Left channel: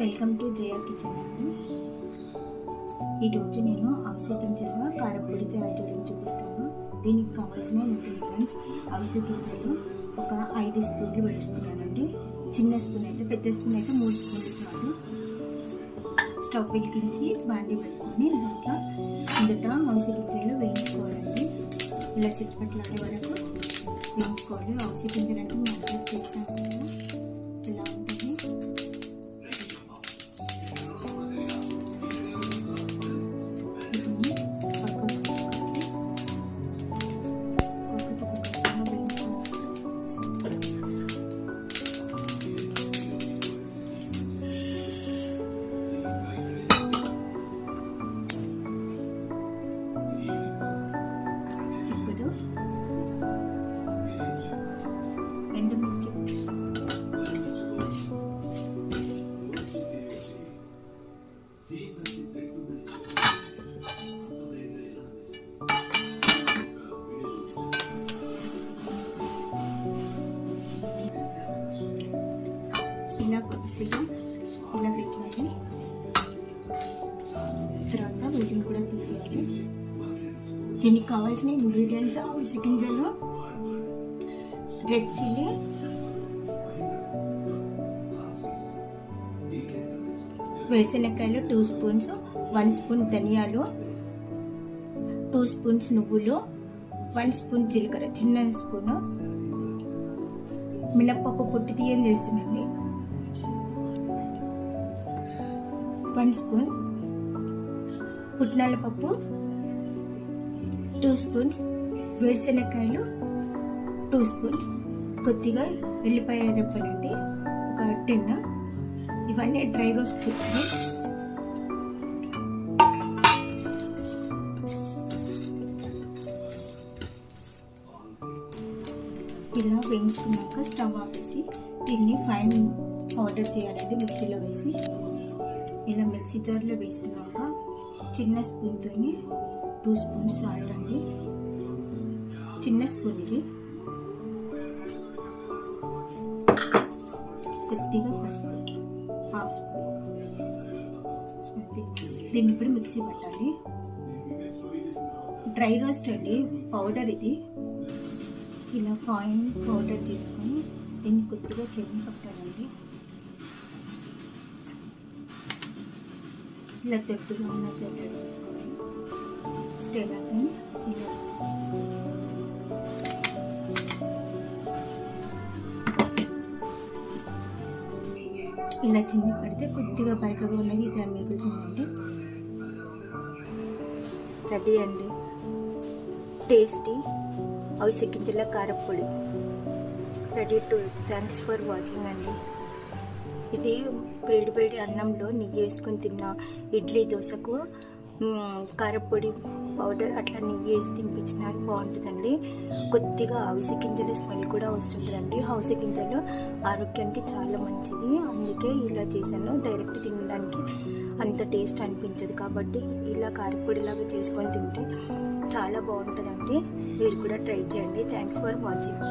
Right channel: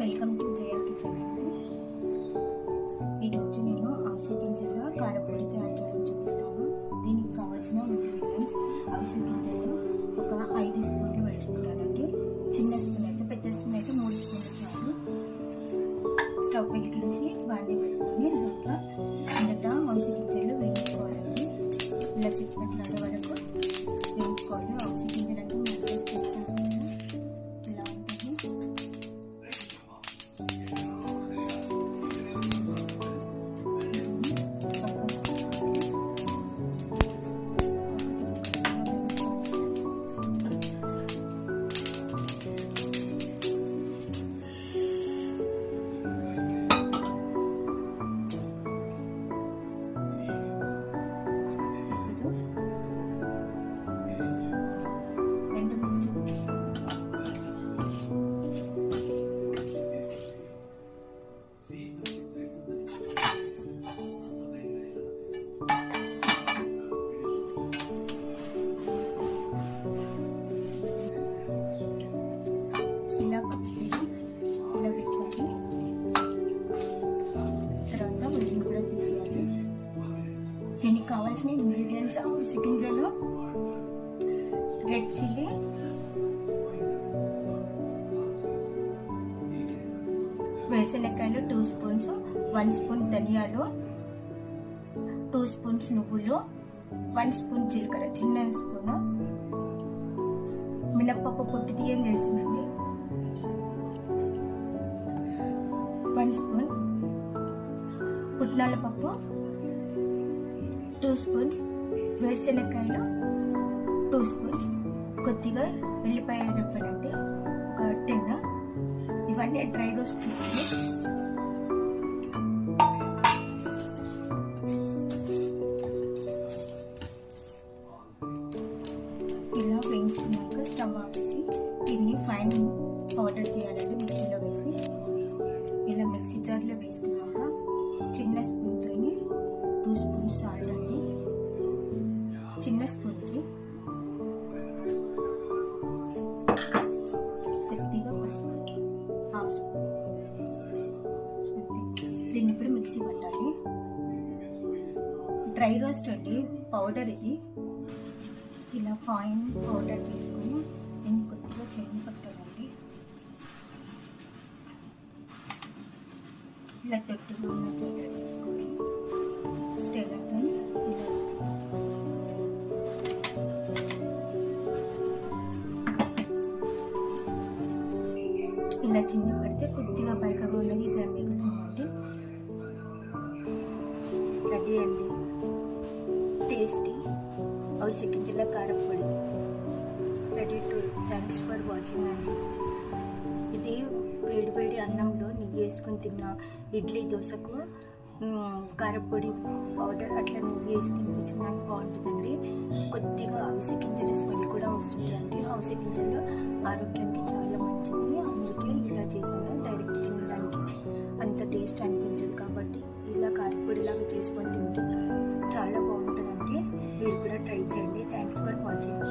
Welcome to Jaya kitchen అండి. ఈరోజు నేను అవిసె గింజల కారపొడి తయారు చేయడం చూపిస్తాను. దీనికి కావాల్సిన ఇంగ్రీడియంట్స్: అవిసె గింజలు ఒక 5 స్పూన్లు వేసుకున్నానండి. చిన్న స్పూన్ అయితే, పెద్ద స్పూన్ అయితే 3 స్పూన్లు చాలు. స్టవ్ వెలిగించి బాండి పెట్టుకొని దాంట్లో మొదట అవిసె గింజలు వేయించుకోవాలండి. ఇలా చిట్పట్లాడే వరకు వేయించుకోవాలి. అవిసె గింజలు అంటే మార్కెట్ తెచ్చాను కదా, ఇలా ఉంటుంది. ఇలా కొద్దిగా ఇలా పెట్టాలి. తర్వాత వీటిని కూడా తీసేయాలి. దీనికి కావాల్సిన ఇంగ్రీడియంట్స్: అవిసె గింజలు, రెడ్ చిల్లీ, వేరుశనక్కాయలు 2 స్పూన్స్, 1 స్పూన్ ధనియాలు, 2 స్పూన్స్ నువ్వులు, 1 స్పూన్ జీలకర్ర, చిన్న స్పూను మినప్పప్పు పొట్టు తీయని చేస్తున్నాండి, 1 స్పూన్ పుట్నాల పప్పు, 2 స్పూన్స్ వేరుశనక్కాయలు, 2 స్పూన్స్ కొద్దిగా ఎల్లిపాయ రెప్పలండి, ఒక 10. ఇవన్నీ డ్రై రోస్ట్ చేయాలి. ఇలా వేయించుకున్నాక స్టవ్ ఆపేసి దీన్ని ఫైన్ పౌడర్ చేయాలండి. మిక్సీలో వేసి ఇలా మిక్సీ జార్లో వేసుకున్నాక చిన్న స్పూన్తో 2 స్పూన్స్ సాల్ట్ అండి, చిన్న స్పూన్ ఇది, కొద్దిగా పసుపు 1/2 స్పూన్ అంతే. దీన్ని ఇప్పుడు మిక్సీ పట్టాలి. డ్రై రోస్ట్ అండి పౌడర్ ఇది. ఇలా ఫైన్ పౌడర్ చేసుకొని దీన్ని కొద్దిగా చెయ్యి పట్టాలండి. ఇలా దొడ్డుగా ఉన్న చెట్టు వేసుకొని స్టేలర్తో ఇలా చిన్న పడితే కొద్దిగా బరకగా ఉన్నది ఇది మిగులుతుందండి. రెడీ అండి టేస్టీ అవిసె గింజల కారపొడి ready to. Thanks for watching అండి. ఇది వేడి వేడి అన్నంలో నెయ్యి వేసుకొని తిన్న ఇడ్లీ దోశకు కారపొడి పౌడర్ అట్లా నెయ్యి వేసి తినిపించిన బాగుంటుందండి. కొద్దిగా అవిసె గింజల స్మెల్ కూడా వస్తుంటుందండి. అవిసె గింజలు ఆరోగ్యానికి చాలా మంచిది, అందుకే ఇలా చేశాను. డైరెక్ట్ తినడానికి అంత టేస్ట్ అనిపించదు కాబట్టి ఇలా కారపొడిలాగా చేసుకొని తింటే చాలా బాగుంటుందండి. మీరు కూడా ట్రై చేయండి. Thanks for watching.